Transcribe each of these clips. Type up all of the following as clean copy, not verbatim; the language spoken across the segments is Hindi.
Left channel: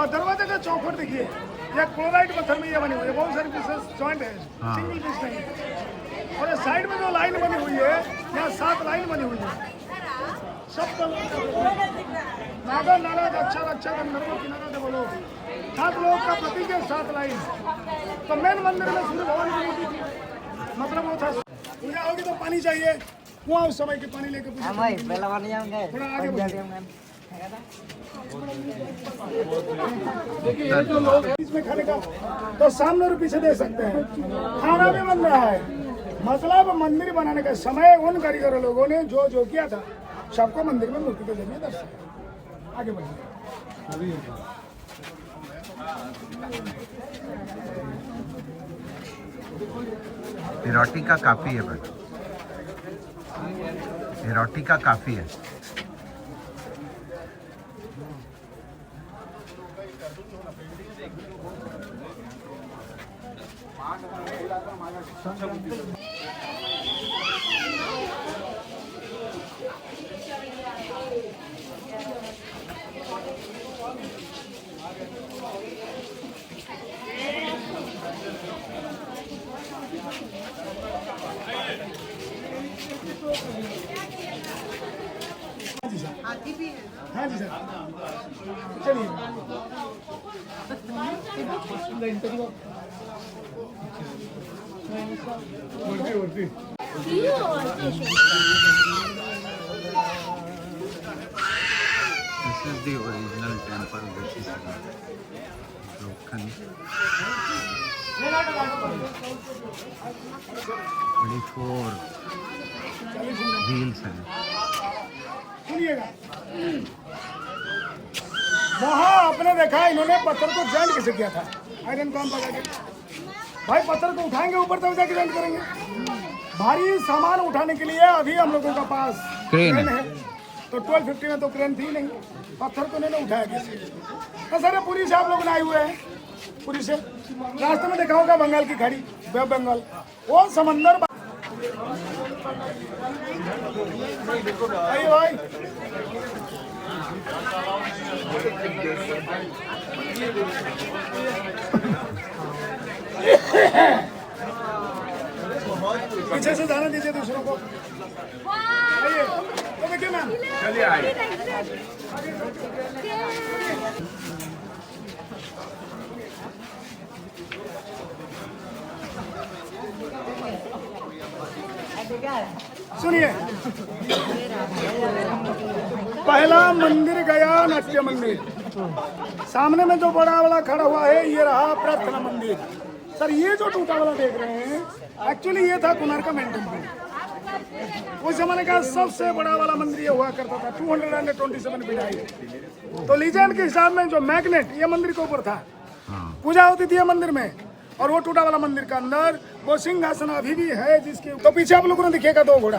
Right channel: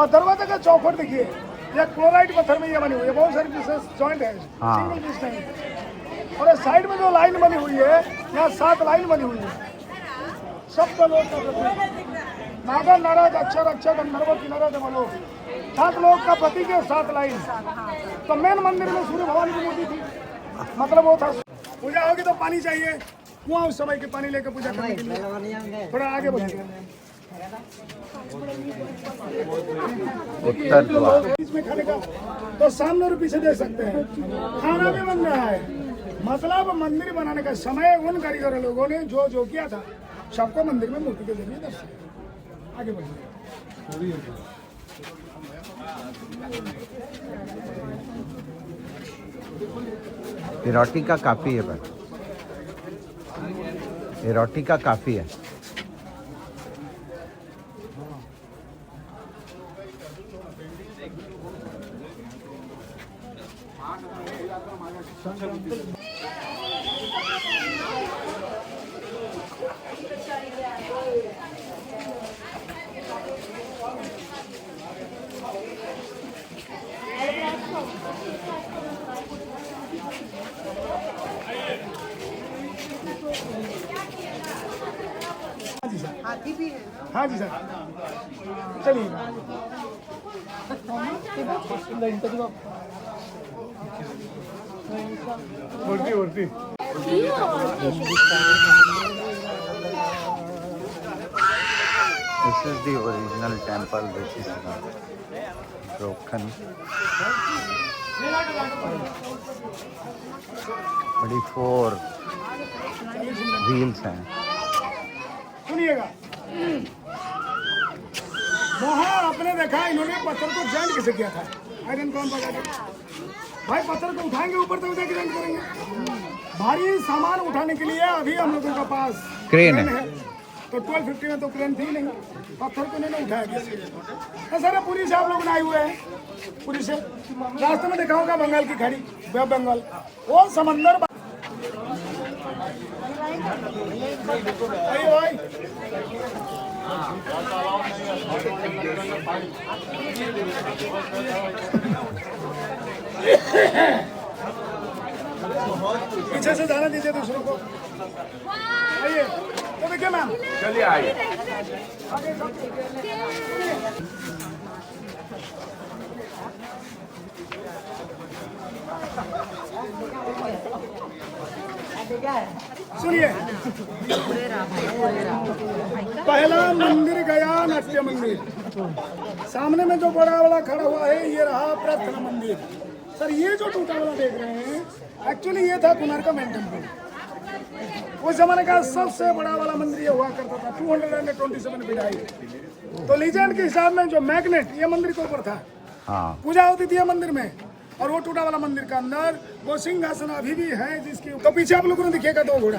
और दरवाजे का चौखट देखिए, ये क्लोराइड पत्थर में ये बनी हुई है, बहुत सारी पीसेस जॉइंट है, सिंगल पीस नहीं। और साइड में जो लाइन बनी हुई है, यहाँ 7 लाइन बनी हुई है, सब लोग नागर नाराज अक्षर अक्षर नरो किनारा दे बोलो, 7 लोग का प्रतीक है, 7 लाइन। तो मेन मंदिर में सूर्य भगवान की मूर्ति थी, मतलब वो था पूजा होगी तो पानी चाहिए, कुआं उस समय के पानी लेके पूजा थोड़ा आगे बढ़िए। इसमें खाने का तो सामने और पीछे दे सकते हैं, खाना भी बन रहा है। मतलब मंदिर बनाने का समय उन कारीगर लोगों ने जो जो किया था सबको मंदिर में मूर्ति के जरिए दर्शाया। आगे बढ़िए। एरोटिका काफी है भाई, एरोटिका काफी है। हाँ जी सर, चलिए। उल्टी This is the original temple which is broken. Only 4 wheels हैं। सुनिएगा, वहाँ आपने देखा इन्होंने पत्थर को जॉइंट कैसे किया था, आयरन कॉम लगा के। भाई पत्थर को उठाएंगे ऊपर तब जाके जॉइंट करेंगे। भारी सामान उठाने के लिए अभी हम लोगों का पास क्रेन है, तो 1250 में तो क्रेन थी नहीं, पत्थर को इन्होंने उठाया कैसे। तो सर पुरी से आप लोग आए हुए हैं, पुरी से रास्ते में देखा होगा बंगाल की खाड़ी, वेब बंगाल, वो समंदर। आइए भाई, पीछे से जाना दीजिए दूसरों को। आइए, तो देखिए मैम, चलिए आइए। सुनिए, पहला मंदिर गया नाट्य मंदिर, सामने में जो बड़ा वाला खड़ा हुआ है ये रहा प्रार्थना मंदिर। सर ये जो टूटा वाला देख रहे हैं, एक्चुअली ये था कोणार्क का मेन टेम्पल। उस जमाने का सबसे बड़ा वाला मंदिर ये हुआ करता था, 227 फीट हाइट। तो लीजेंड के हिसाब में जो मैग्नेट ये मंदिर के ऊपर था, पूजा होती थी मंदिर में। और वो टूटा वाला मंदिर का अंदर वो सिंहासन अभी भी है, जिसके तो पीछे आप लोगों ने दिखेगा 2 घोड़ा।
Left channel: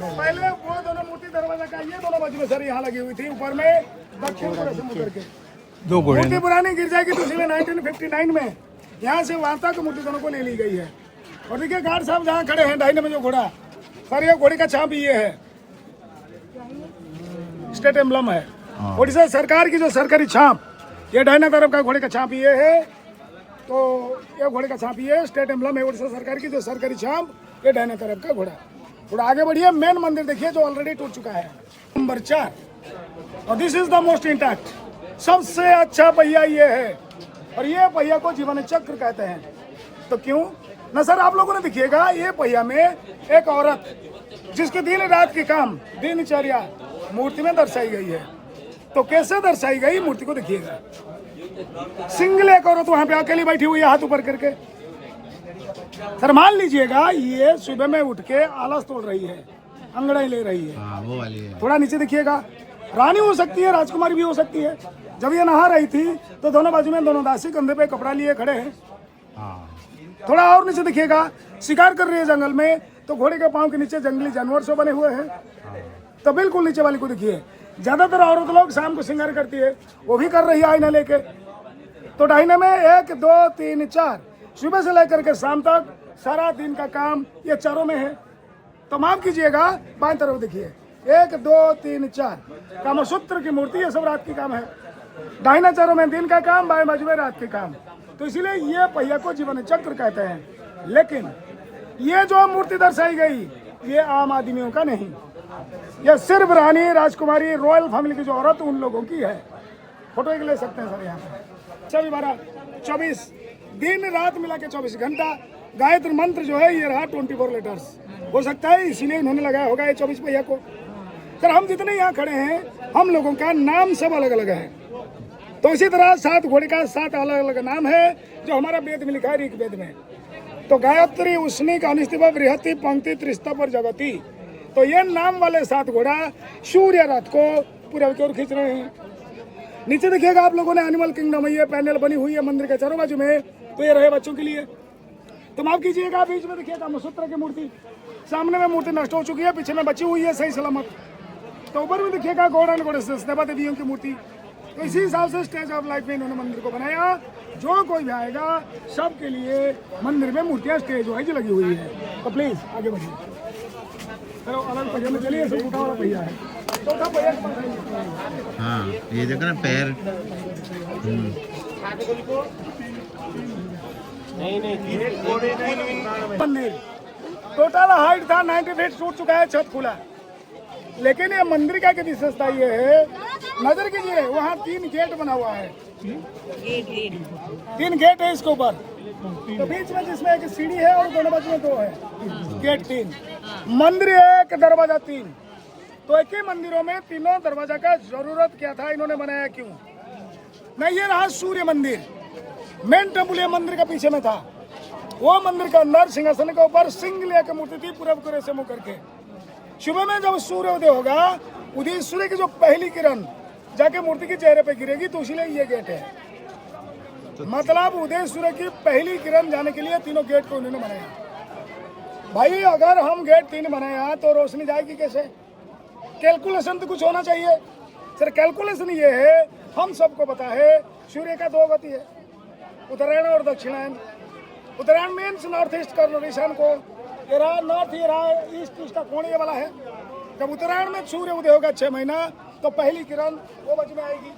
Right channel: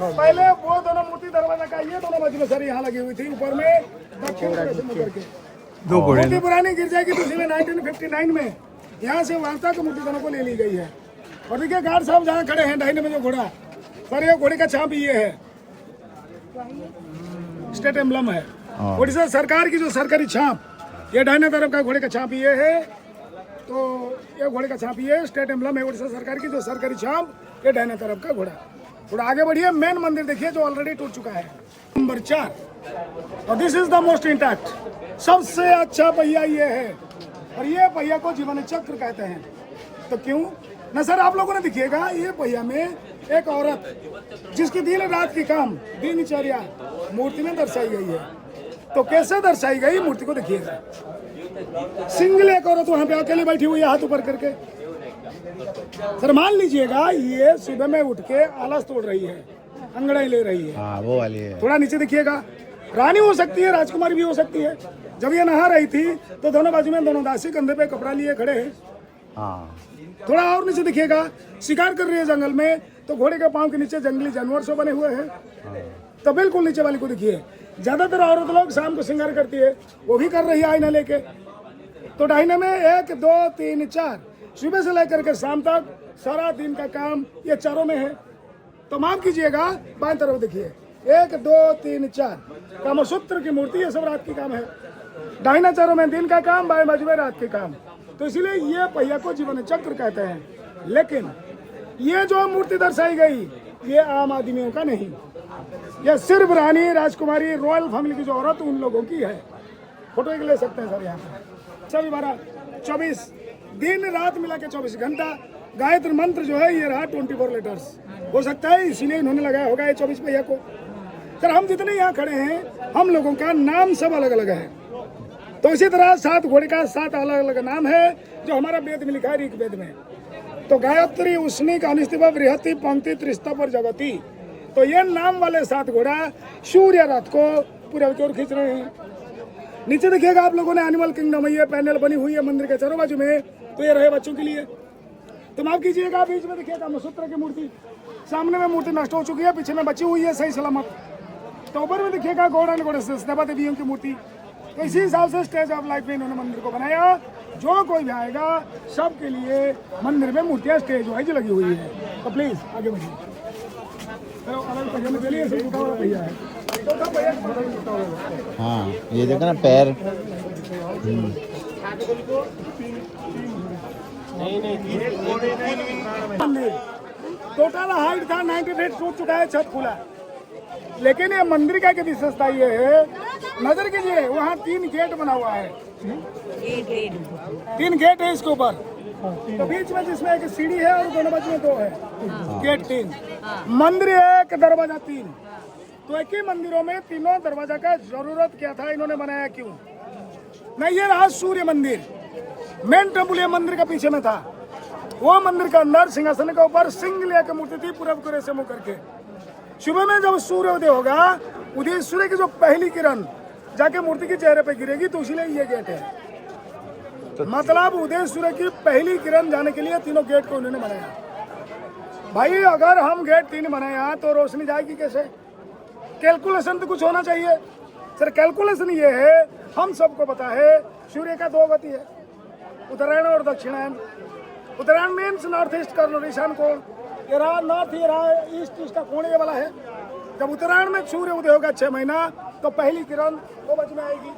पहले वो दोनों मूर्ति दरवाजा का ये दोनों बाजू में सर यहाँ लगी हुई थी, ऊपर में दक्षिण करके 2 घोड़े। मूर्ति पुरानी गिर जाएगी दूसरी में 1959 में यहाँ से वहां तक मूर्ति दोनों को ले ली गई है। और देखिए गार्ड साहब जहाँ खड़े हैं दाहिने में जो घोड़ा, सर ये घोड़े का छाप ये है, स्टेट एम्बलम है उड़ीसा सरकार की, जो सरकारी छाप, ये दाहिना तरफ का घोड़े का छाप ये है। तो ये घोड़े का छाप ये स्टेट एम्बलम है उड़ीसा सरकार की, जो सरकारी छाप, ये दाहिने तरफ का घोड़ा। थोड़ा आगे बढ़िए, मेन मंदिर देखिए जो ऑलरेडी टूट चुका है, नंबर 4। और this is the most intact, सबसे अच्छा पहिया ये है, और ये पहिया को जीवन चक्र कहते हैं। तो क्यों न सर, आप लोगों ने देखिएगा ये पहिया में एक औरत जिसके दिन रात की काम दिनचर्या मूर्ति में दर्शाई गई है। तो कैसे दर्शाई गई मूर्ति को देखिएगा, सिंगल एक औरत वहां पे अकेली बैठी हुई है हाथ ऊपर करके। सर मान लीजिएगा ये सुबह में उठ के आलस तोड़ रही है, अंगड़ाई ले रही है, वो वाली है। थोड़ा नीचे देखिएगा, रानी हो सकती है, राजकुमारी भी हो सकती है। जब ये नहा रही थी तो दोनों बाजू में दोनों दासी कंधे पे कपड़ा लिए खड़े हैं। थोड़ा और नीचे देखिएगा, शिकार कर रही है जंगल में, तो घोड़े के पांव के नीचे जंगली जानवर सब बने हुए हैं। तो बिल्कुल नीचे वाली को देखिए, ज्यादातर औरत लोग शाम को श्रृंगार करती है, वो भी कर रही है आईना लेके। तो दाहिने में 1 2 3 4 सुबह से लेकर के शाम तक सारा दिन का काम ये चारों में है। तो माफ कीजिएगा, बाएं तरफ देखिए, 1 2 3 4 कामसूत्र की मूर्ति, ये सब रात की काम है। दाहिना चारों में दिन का काम, बाएं बाजू में रात के काम। तो इसीलिए ये पहिया को जीवन चक्र कहते हैं। लेकिन ये जो मूर्ति दर्शाई गई ये आम आदमियों का नहीं, यह सिर्फ रानी राजकुमारी रॉयल फैमिली की जो औरत उन लोगों की है। फोटो ले सकते हैं सर यहाँ पर। सभी 12-24 दिन रात मिला के 24 घंटा गायत्री मंत्र जो है ये रहा 24 लेटर्स। हो सकता है इसीलिए इन्होंने लगाया होगा ये 24 पहिया को। सर हम जितने यहाँ खड़े हैं हम लोगों का नाम सब अलग अलग है। तो इसी तरह 7 घोड़े का 7 अलग अलग नाम है जो हमारा वेद में लिखा है, ऋग्वेद में। तो गायत्री, उष्णिक, अनिस्तिभा, बृहति, पंक्ति, त्रिस्तभ और जगती, तो ये नाम वाले 7 घोड़ा सूर्य रथ को पूर्व की ओर खींच रहे हैं। नीचे देखिएगा आप लोगों ने एनिमल किंगडम, ये पैनल बनी हुई है मंदिर के चारों बाजू में, तो ये रहे बच्चों के लिए। तो माफ कीजिएगा, बीच में देखिएगा कामसूत्र की मूर्ति, सामने में मूर्ति नष्ट हो चुकी है, पीछे में बची हुई है सही सलामत। तो ऊपर में देखिएगा गौड़ एंड गॉडेसेस, देवा देवियों की मूर्ति। तो इसी हिसाब से स्टेज ऑफ लाइफ में इन्होंने मंदिर को बनाया। जो कोई भी आएगा सबके लिए मंदिर में मूर्तियाँ स्टेज वाइज लगी हुई है। तो प्लीज आगे बढ़िए। चलो अलग पहिया में चलिए, सब टूटा वाला पहिया है, टूटा पहिया के पास टूटा हुआ। हाँ ये देखो ना पैर। मंदिर टोटल हाइट था 90 फीट, टूट चुका है, छत खुला। लेकिन ये मंदिर का की विशेषता ये है, नजर कीजिए वहाँ 3 गेट बना हुआ है, 3 गेट है इसके ऊपर। तो बीच में जिसमें एक सीढ़ी है और दोनों बाजू में 2 है, गेट 3। मंदिर 1, दरवाजा 3। तो एक ही मंदिरों में तीनों दरवाजा का जरूरत क्या था, इन्होंने बनाया क्यों? नहीं, ये रहा सूर्य मंदिर। मेन टेम्पल ये मंदिर का पीछे में था। वो मंदिर के अंदर सिंहासन के ऊपर सिंह लिया की मूर्ति थी, पूरब की ओर से मुंह करके। सुबह में जब सूर्योदय होगा, उदय सूर्य की जो पहली किरण जाके मूर्ति के चेहरे पे गिरेगी, तो इसलिए ये गेट है। मतलब उदय सूर्य की पहली किरण जाने के लिए तीनों गेट को उन्होंने बनाया। भाई अगर हम गेट 3 बनाया तो रोशनी जाएगी कैसे? कैलकुलेशन तो कुछ होना चाहिए। सर कैलकुलेशन ये है, हम सबको पता है सूर्य का 2 गति है, उत्तरायण और दक्षिणायन। उत्तरायण मीन्स नॉर्थ ईस्ट कॉर्नर, ईशान कोण। ये रहा नॉर्थ, ये रहा ईस्ट, इसका कोण ये वाला है। जब उत्तरायण में सूर्य उदय होगा 6 महीना, तो पहली किरण वो बाजू में आएगी।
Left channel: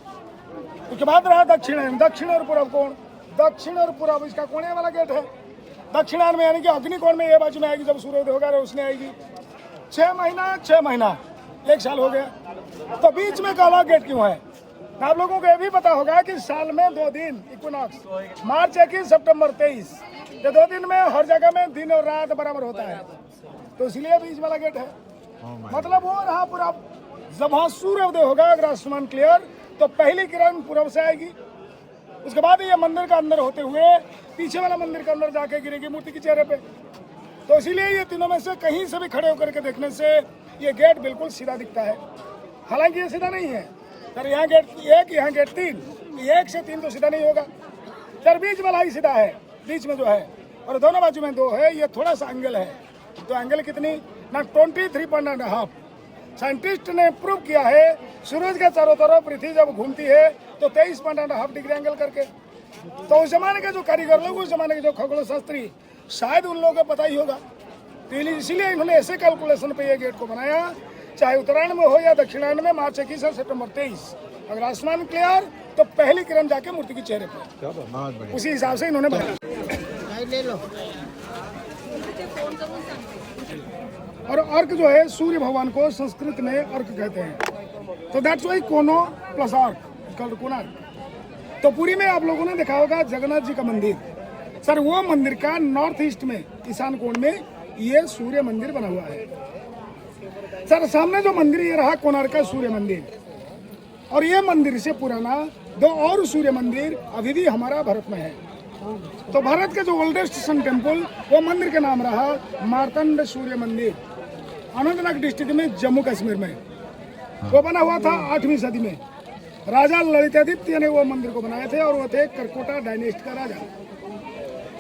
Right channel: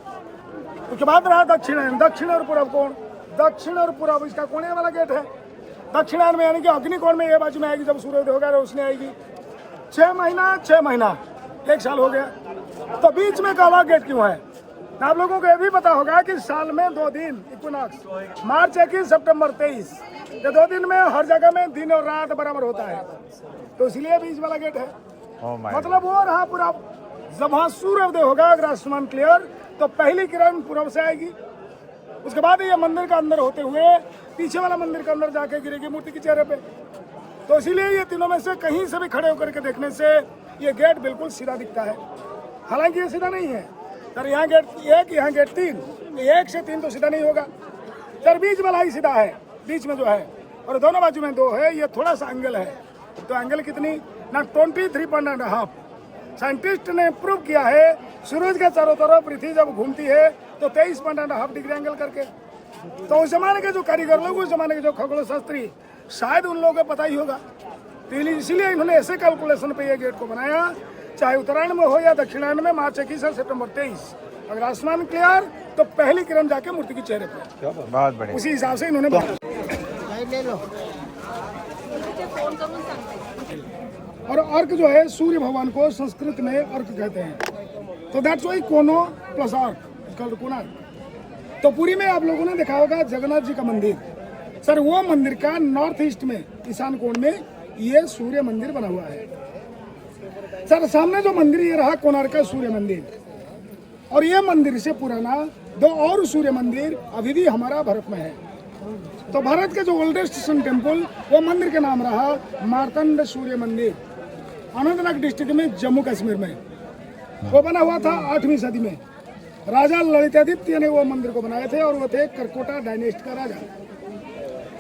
उसके बाद रहा दक्षिणायन, दक्षिण और पूर्व कोण। दक्षिण और पूर्व इसका कोण ये वाला गेट है। दक्षिणायन में यानी कि अग्निकोण में ये बाजू में आएगी, जब सूर्य उदय होगा रोशनी आएगी। 6 महीना 6 महीना, 1 साल हो गया। तो बीच में काला गेट क्यों है? आप लोगों को ये भी पता होगा कि साल में 2 दिन इक्विनॉक्स, मार्च 21, सितंबर 23, ये 2 दिन में हर जगह में दिन और रात बराबर होता है। तो इसलिए बीच वाला गेट है। मतलब वो रहा पूरा, जब वहाँ सूर्योदय होगा अगर आसमान क्लियर, तो पहली किरण पूर्व से आएगी। उसके बाद ये मंदिर का अंदर होते हुए पीछे वाला मंदिर के अंदर जाके गिरेगी मूर्ति के चेहरे पे। तो इसीलिए ये तीनों में से कहीं से भी खड़े होकर के देखने से ये गेट बिल्कुल सीधा दिखता है। हालांकि ये सीधा नहीं है सर, यहाँ गेट 1, यहाँ गेट 3, 1 से 3 तो सीधा नहीं होगा सर, बीच वाला ही सीधा है, बीच में जो है, और दोनों बाजू में 2 है। ये थोड़ा सा एंगल है, तो एंगल कितनी ना 23.5। साइंटिस्ट ने प्रूव किया है, सूरज के चारों तरफ पृथ्वी जब घूमती है तो 23.5 डिग्री एंगल करके। तो उस जमाने के जो कारीगर लोग, उस जमाने के जो खगोल शास्त्री, शायद उन लोगों को पता ही होगा। तो इसीलिए इन्होंने ऐसे कैलकुलेशन पे ये गेट को बनाया, चाहे उत्तरायण में हो या दक्षिणायन में, मार्च 21 से सितंबर 23। अगर आसमान क्लियर तो पहली किरण जाके मूर्ति के चेहरे पे। बहुत बढ़िया। उसी हिसाब से इन्होंने बनाया। और अर्क जो है, सूर्य भगवान को संस्कृत में अर्क कहते हैं। तो दैट्स वाई कोनो प्लस अर्क कॉल्ड कोणार्क। तो पुरी में आप लोगों ने देखा होगा जगन्नाथ जी का मंदिर। सर वो मंदिर का नॉर्थ ईस्ट में, ईशान कोण में ये सूर्य मंदिर बना हुआ है। सर सामने जो मंदिर ये रहा कोणार्क का सूर्य मंदिर, और ये मंदिर से पुराना 2 और सूर्य मंदिर अभी भी हमारा भारत में है। तो भारत का जो ओल्डेस्ट सन टेम्पल, वो मंदिर का नाम रहा मार्तंड सूर्य मंदिर, अनंतनाग डिस्ट्रिक्ट में, जम्मू कश्मीर में। वो बना हुआ था 8वीं सदी में। राजा ललितादित्य ने वो मंदिर को बनाए थे, और वो थे करकोटा डायनेस्ट का राजा।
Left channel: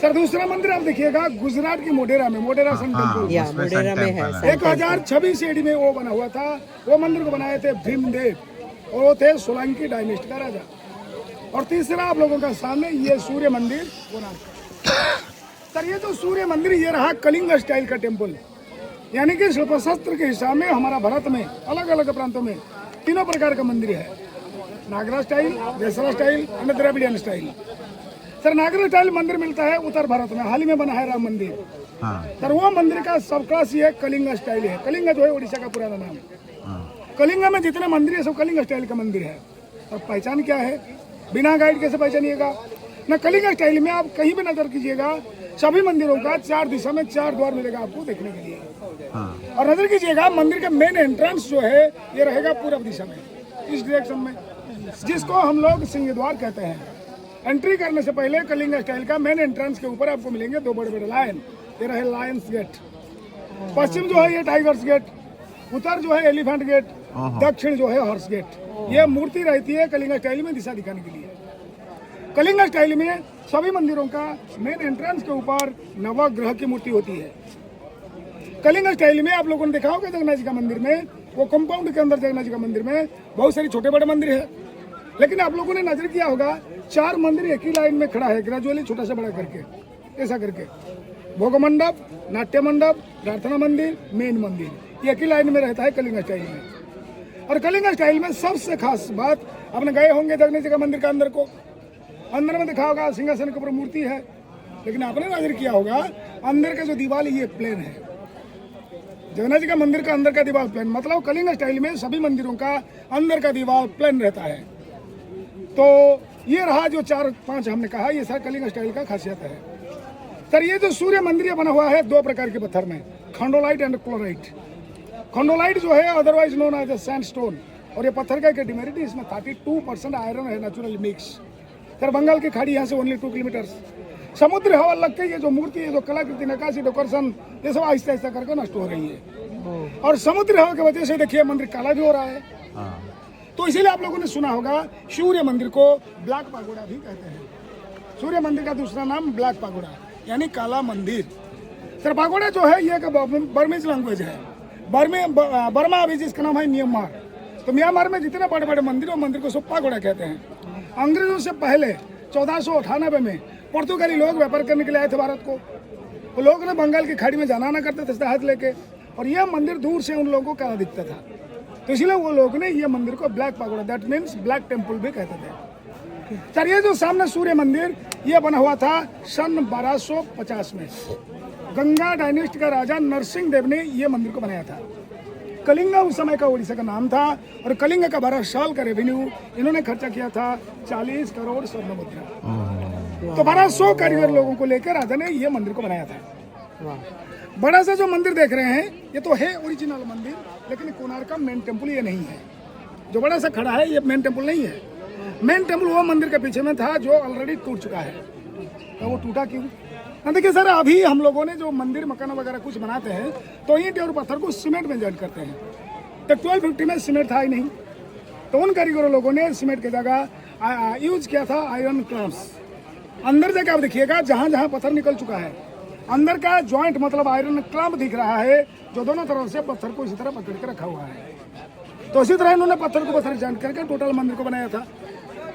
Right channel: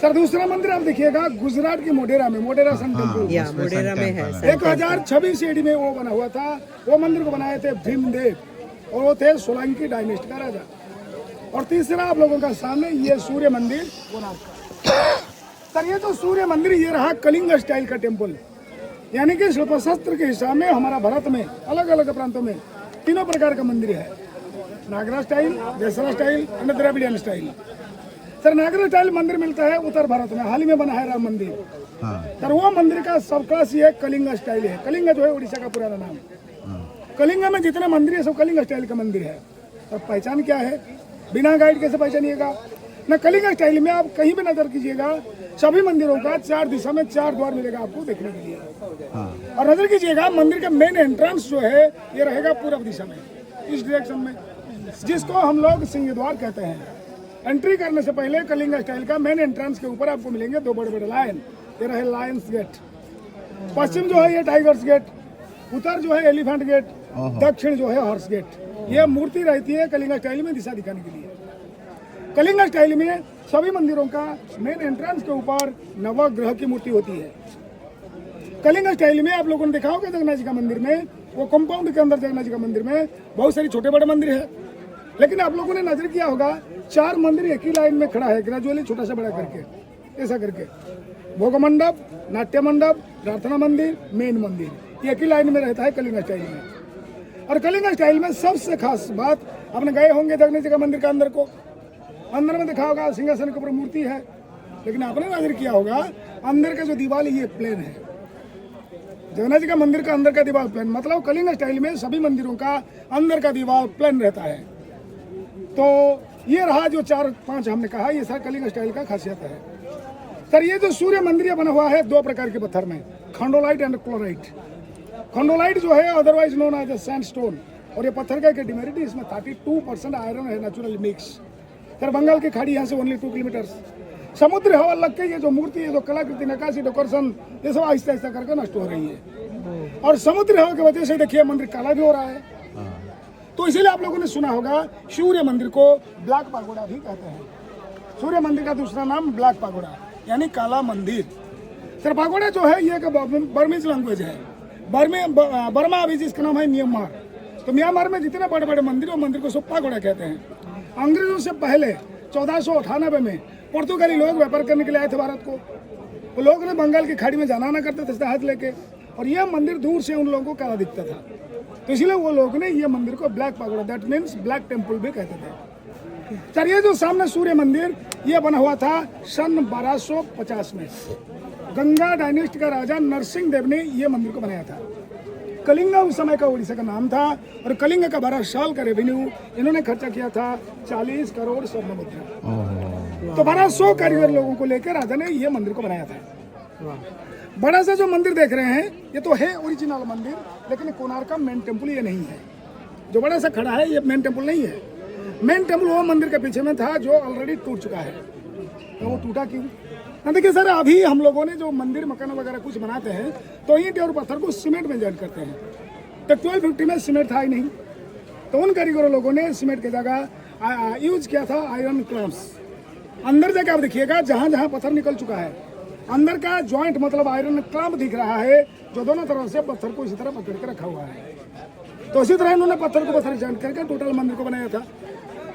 सर दूसरा मंदिर आप देखिएगा गुजरात की मोढेरा में, मोढेरा सन टेम्पल, मोढेरा में है। 1026 AD में वो बना हुआ था। वो मंदिर को बनाए थे भीमदेव, और वो थे सोलंकी डायनेस्ट का राजा। और तीसरा आप लोगों का सामने ये सूर्य मंदिर कोणार्क का। सर ये जो सूर्य मंदिर ये रहा कलिंग स्टाइल का टेम्पल। यानी कि शिल्प शास्त्र के हिसाब में हमारा भारत में अलग अलग प्रांतों में तीनों प्रकार का मंदिर है। नागरा स्टाइल, देसरा स्टाइल और द्रविडियन स्टाइल। सर नागरा स्टाइल मंदिर मिलता है उत्तर भारत में, हाल ही में बना है राम मंदिर। सर वो मंदिर का सब क्लास ये कलिंगा स्टाइल है। कलिंगा जो है उड़ीसा का पुराना नाम है। कलिंगा में जितने मंदिर है सब कलिंगा स्टाइल का मंदिर है। और पहचान क्या है, बिना गाइड कैसे पहचानिएगा ना। कलिंगा स्टाइल में आप कहीं भी नजर कीजिएगा, सभी मंदिरों का 4 दिशा में 4 द्वार मिलेगा आपको देखने के लिए। और नजर कीजिएगा मंदिर का मेन एंट्रेंस जो है ये रहेगा पूर्व दिशा में, इस डायरेक्शन में, जिसको हम लोग सिंह द्वार कहते हैं। एंट्री करने से पहले कलिंगा स्टाइल का मेन एंट्रेंस के ऊपर आपको मिलेंगे 2 बड़े बड़े लायन। ये रहे लायंस गेट, पश्चिम जो है ये टाइगर्स गेट, उत्तर जो है एलिफेंट गेट, दक्षिण जो है हॉर्स गेट। ये मूर्ति रहती है कलिंगा स्टाइल में दिशा दिखाने के लिए। कलिंगा स्टाइल में सभी मंदिरों का मेन एंट्रेंस के ऊपर नवग्रह की मूर्ति होती है। कलिंगा स्टाइल में आप लोगों ने देखा होगा जगन्नाथ जी का मंदिर में, वो कंपाउंड के अंदर जगन्नाथ जी का मंदिर में बहुत सारे छोटे बड़े मंदिर है। लेकिन आप लोगों ने नजर किया होगा 4 मंदिर एक ही लाइन में खड़ा है, ग्रेजुअली छोटा सा बड़ा करके, ऐसा करके। भोग मंडप, नाट्य मंडप, प्रार्थना मंदिर, मेन मंदिर, एक ही लाइन में रहता है कलिंगा स्टाइल में। और कलिंगा स्टाइल में सबसे खास बात, आपने गए होंगे जगन्नाथ जी का मंदिर का अंदर को, अंदर में देखा होगा सिंहासन के ऊपर मूर्ति है, लेकिन आपने नजर किया होगा अंदर का जो दीवार ये प्लेन है। जगन्नाथ जी का मंदिर का अंदर का दीवार प्लेन, मतलब कलिंगा स्टाइल में सभी मंदिरों का अंदर का दीवार प्लेन रहता है। तो ये रहा जो 4-5 हमने कहा, ये सारा कलिंगा स्टाइल का खासियत है। सर ये जो सूर्य मंदिर बना हुआ है 2 प्रकार के पत्थर में, खंडोलाइट एंड क्लोराइट। खंडोलाइट जो है अदरवाइज नोन एज सैंडस्टोन, और ये पत्थर का कैटेगरी, इसमें 32% आयरन है नेचुरल मिक्स। सर बंगाल की खाड़ी यहाँ से ओनली 2 किलोमीटर। समुद्र हवा लग के ये जो मूर्ति है, जो कलाकृति, नक्काशी, डेकोरेशन, ये सब आहिस्ता आहिस्ता करके नष्ट हो रही है। और समुद्र हवा की वजह से देखिए मंदिर काला भी हो रहा है। तो इसीलिए आप लोगों ने सुना होगा सूर्य मंदिर को ब्लैक पागोडा भी कहते हैं। सूर्य मंदिर का दूसरा नाम ब्लैक पागोडा यानी काला मंदिर। सर पागोडा जो है ये बर्मीज लैंग्वेज है। बर्मा अभी जिसका नाम है म्यांमार। तो म्यांमार में जितने बड़े बड़े मंदिर, वो मंदिर को सब पागोडा कहते हैं। अंग्रेजों से पहले 1498 में पुर्तगाली लोग व्यापार करने के लिए आए थे भारत को। वो लोग ने बंगाल की खाड़ी में जाना आना करते थे जहाज लेके, और यह मंदिर दूर से उन लोगों को काला दिखता था। तो इसलिए वो लोग ने ये मंदिर को black pagoda, that means black temple भी कहते थे। सर ये जो सामने सूर्य मंदिर ये बना हुआ था सन 1250 में। गंगा डायनेस्टी का राजा नरसिंह देव ने ये मंदिर को बनाया था। कलिंगा उस समय का उड़ीसा का नाम था, और कलिंगा का 12 साल का रेवेन्यू इन्होंने खर्चा किया था 40 करोड़ स्वर्ण मुद्रा। तो 1200 कारीगर लोगों को लेकर राजा ने ये मंदिर को बनाया था। बड़ा सा जो मंदिर देख रहे हैं ये तो है ओरिजिनल मंदिर, लेकिन कोणार्क का मेन टेम्पल ये नहीं है। जो बड़ा सा खड़ा है ये मेन टेम्पल नहीं है। मेन टेम्पल वो मंदिर के पीछे में था जो ऑलरेडी टूट चुका है। तो वो टूटा क्यों? देखिए सर, अभी हम लोगों ने जो मंदिर मकान वगैरह कुछ बनाते हैं तो ईंट और पत्थर को सीमेंट में जॉइन करते हैं। तो 1250 में सीमेंट था ही नहीं, तो उन कारीगरों लोगों ने सीमेंट की जगह यूज किया था आयरन क्लैम्प्स। अंदर जाके आप देखिएगा जहाँ जहाँ पत्थर निकल चुका है, अंदर का जॉइंट मतलब आयरन क्लैम्प दिख रहा है, जो दोनों तरफ से पत्थर को इसी तरह पकड़ के रखा हुआ है। तो इसी तरह इन्होंने पत्थर को पत्थर जॉइंट करके टोटल मंदिर को बनाया था।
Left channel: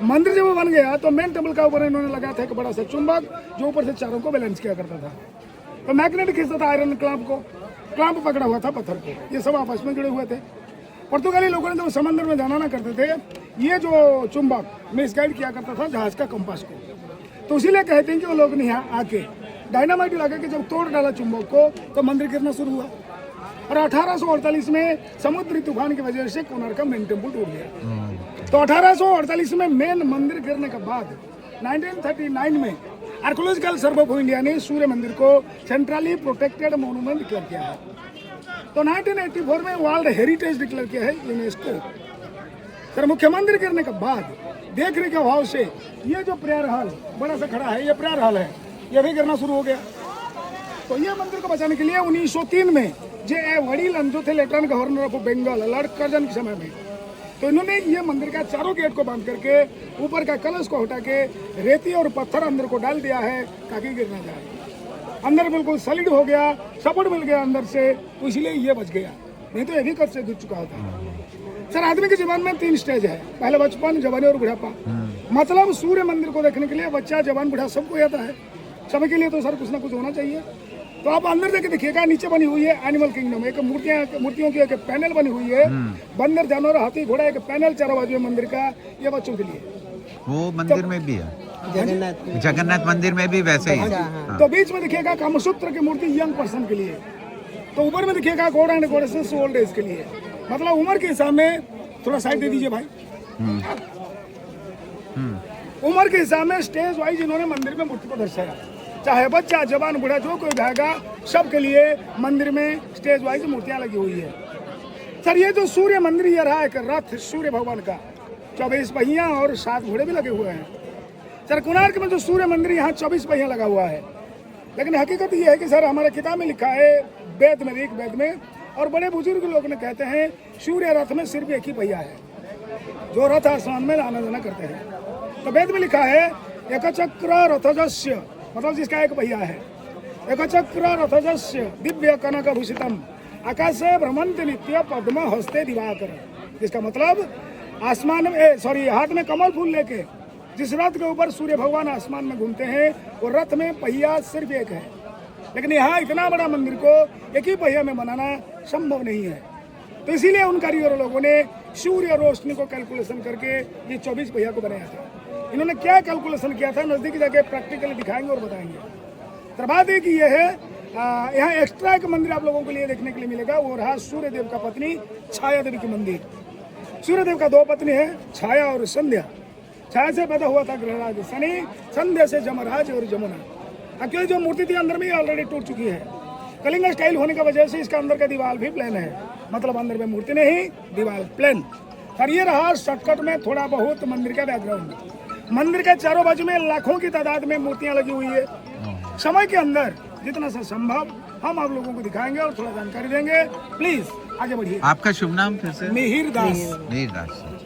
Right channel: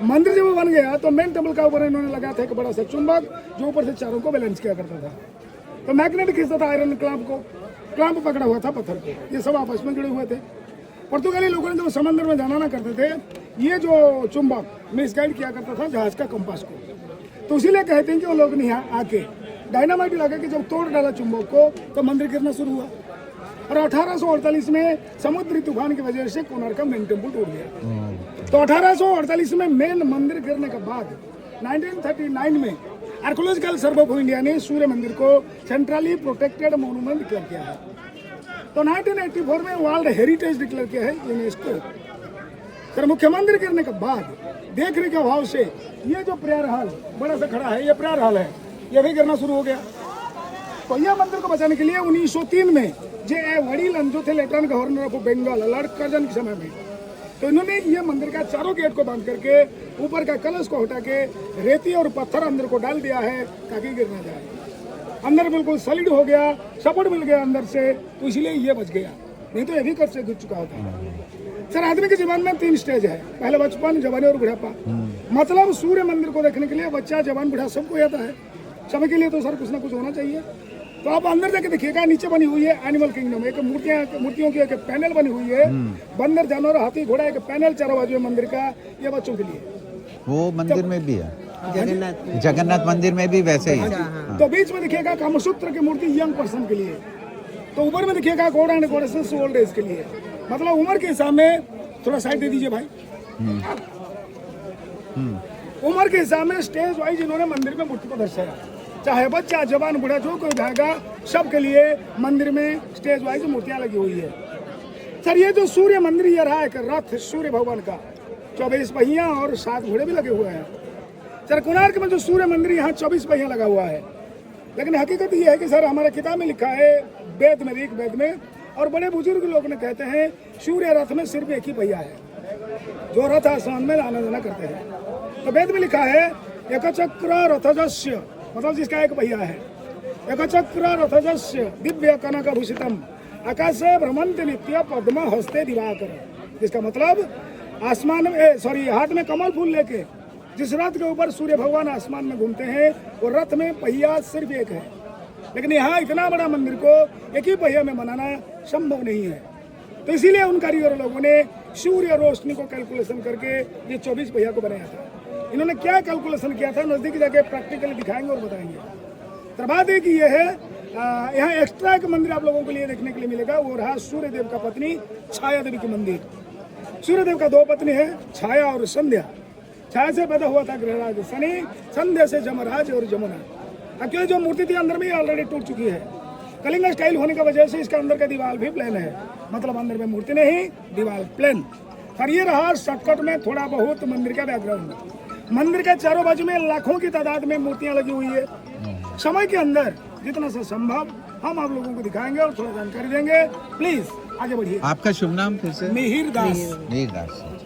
मंदिर जब वो बन गया तो मेन टेम्पल का ऊपर इन्होंने लगाया था एक बड़ा सा चुंबक, जो ऊपर से चारों को बैलेंस किया करता था। तो मैग्नेट खींचता था आयरन क्लैम्प को, क्लैम्प पकड़ा हुआ था पत्थर को। ये सब आपस में जुड़े हुए थे। पुर्तगाली लोगों ने जब समंदर में जाना ना करते थे, ये जो चुंबक मिसगाइड किया करता था जहाज का कंपास को। तो इसीलिए कहते हैं कि वो लोग ने यहाँ आके डायनामाइट लगा के जब तोड़ डाला चुंबक को तो मंदिर गिरना शुरू हुआ। और 1848 में समुद्री तूफान की वजह से कोणार्क का मेन टेम्पल टूट गया। तो 1848 में मेन मंदिर गिरने के बाद 1939 में आर्कोलॉजिकल सर्वे ऑफ इंडिया ने सूर्य मंदिर को सेंट्रली प्रोटेक्टेड मॉन्यूमेंट डिक्लेयर किया है। तो 1984 में वर्ल्ड हेरिटेज डिक्लेयर किया है यूनेस्को। सर मुख्य मंदिर गिरने के बाद देखने के अभाव से ये जो प्रेयर हॉल बड़ा सा खड़ा है, ये प्रेयर हॉल है, ये भी गिरना शुरू हो गया। तो यह मंदिर को बचाने के लिए 1903 में जे वडीलन जो थे lieutenant governor of Bengal Lord Curzon के समय में, तो इन्होंने ये मंदिर का चारों गेट को बंद करके ऊपर का कलश को हटा के रेती और पत्थर अंदर को डाल दिया है ताकि गिर ना जाए। अंदर बिल्कुल सॉलिड हो गया, सपोर्ट मिल गया अंदर से, तो इसलिए ये बच गया, नहीं तो ये भी कब से गिर चुका होता। सर आदमी के जीवन में 3 स्टेज है, पहले बचपन, जवानी और बुढ़ापा। मतलब सूर्य मंदिर को देखने के लिए बच्चा, जवान, बूढ़ा सबको आता है। सभी के लिए तो सर कुछ ना कुछ होना चाहिए। तो आप अंदर जाके देखिएगा, नीचे बनी हुई है एनिमल किंगडम, एक मूर्तियों की एक पैनल बनी हुई है, बंदर, जानवर, हाथी, घोड़ा, एक पैनल चारों बाजू में मंदिर का, ये बच्चों के लिए। वो मंदिर में भी है, जगन्नाथ मंदिर में भी वैसे ही है। हाँ। तो बीच में देखिएगा कामसूत्र की मूर्ति यंग पर्सन के लिए, तो ऊपर में देखिएगा God and goddesses old age के लिए, मतलब उम्र के हिसाब में। थोड़ा साइड दे दीजिए भाई। उम्र के हिसाब में स्टेज वाइज इन्होंने मंदिर में मूर्ति को दर्शाया, चाहे बच्चा, जवान, बूढ़ा, जो कोई जाएगा सबके लिए मंदिर में स्टेज वाइज मूर्तियां लगी हुई है। सर ये जो सूर्य मंदिर ये रहा एक रथ सूर्य भगवान का, 24 पहिया और 7 घोड़े भी लगे हुए हैं। सर कोणार्क में जो सूर्य मंदिर यहाँ 24 पहिया लगा हुआ है, लेकिन हकीकत ये है कि सर हमारे किताब में लिखा है, वेद में, ऋग वेद में, और बड़े बुजुर्ग लोग ने कहते हैं सूर्य रथ में सिर्फ एक ही पहिया है, जो रथ आसमान में आना जाना करते हैं। तो वेद में लिखा है एक चक्र रथजस्य, मतलब जिसका एक पहिया है, एक चक्र रथजस्य दिव्य कनक भूषितम आकाशे भ्रमंत नित्य पद्म हस्ते दिवाकर, जिसका मतलब आसमान में हाथ में कमल फूल लेके जिस रथ के ऊपर सूर्य भगवान आसमान में घूमते हैं, वो रथ में पहिया सिर्फ एक है। लेकिन यहाँ इतना बड़ा मंदिर को एक ही पहिया में बनाना संभव नहीं है, तो इसीलिए उन कारीगर लोगों ने सूर्य रोशनी को कैलकुलेशन करके ये 24 पहिया को बनाया था। इन्होंने क्या कैलकुलेशन किया था, नजदीक जाके प्रैक्टिकली दिखाएंगे और बताएंगे। तो बात है कि यह है, यहाँ एक्स्ट्रा एक मंदिर आप लोगों के लिए देखने के लिए मिलेगा, वो रहा सूर्य देव का पत्नी छाया देवी की मंदिर। सूर्य देव का 2 पत्नी है, छाया और संध्या। छाया से पैदा हुआ था ग्रहराज शनि, संध्या से जमराज और जमुना। क्योंकि जो मूर्ति थी अंदर में ऑलरेडी टूट चुकी है, कलिंग स्टाइल होने की वजह से इसका अंदर का दीवार भी प्लेन है, मतलब अंदर में मूर्ति नहीं, दीवार प्लेन। और ये रहा शॉर्टकट में थोड़ा बहुत मंदिर का बैकग्राउंड। मंदिर के चारों बाजू में लाखों की तादाद में मूर्तियां लगी हुई है। समय के अंदर जितना से संभव हम आप लोगों को दिखाएंगे और थोड़ा जानकारी देंगे। प्लीज आगे बढ़िए। आपका शुभ नाम फिर से? मिहिर दास। मिहिर दास।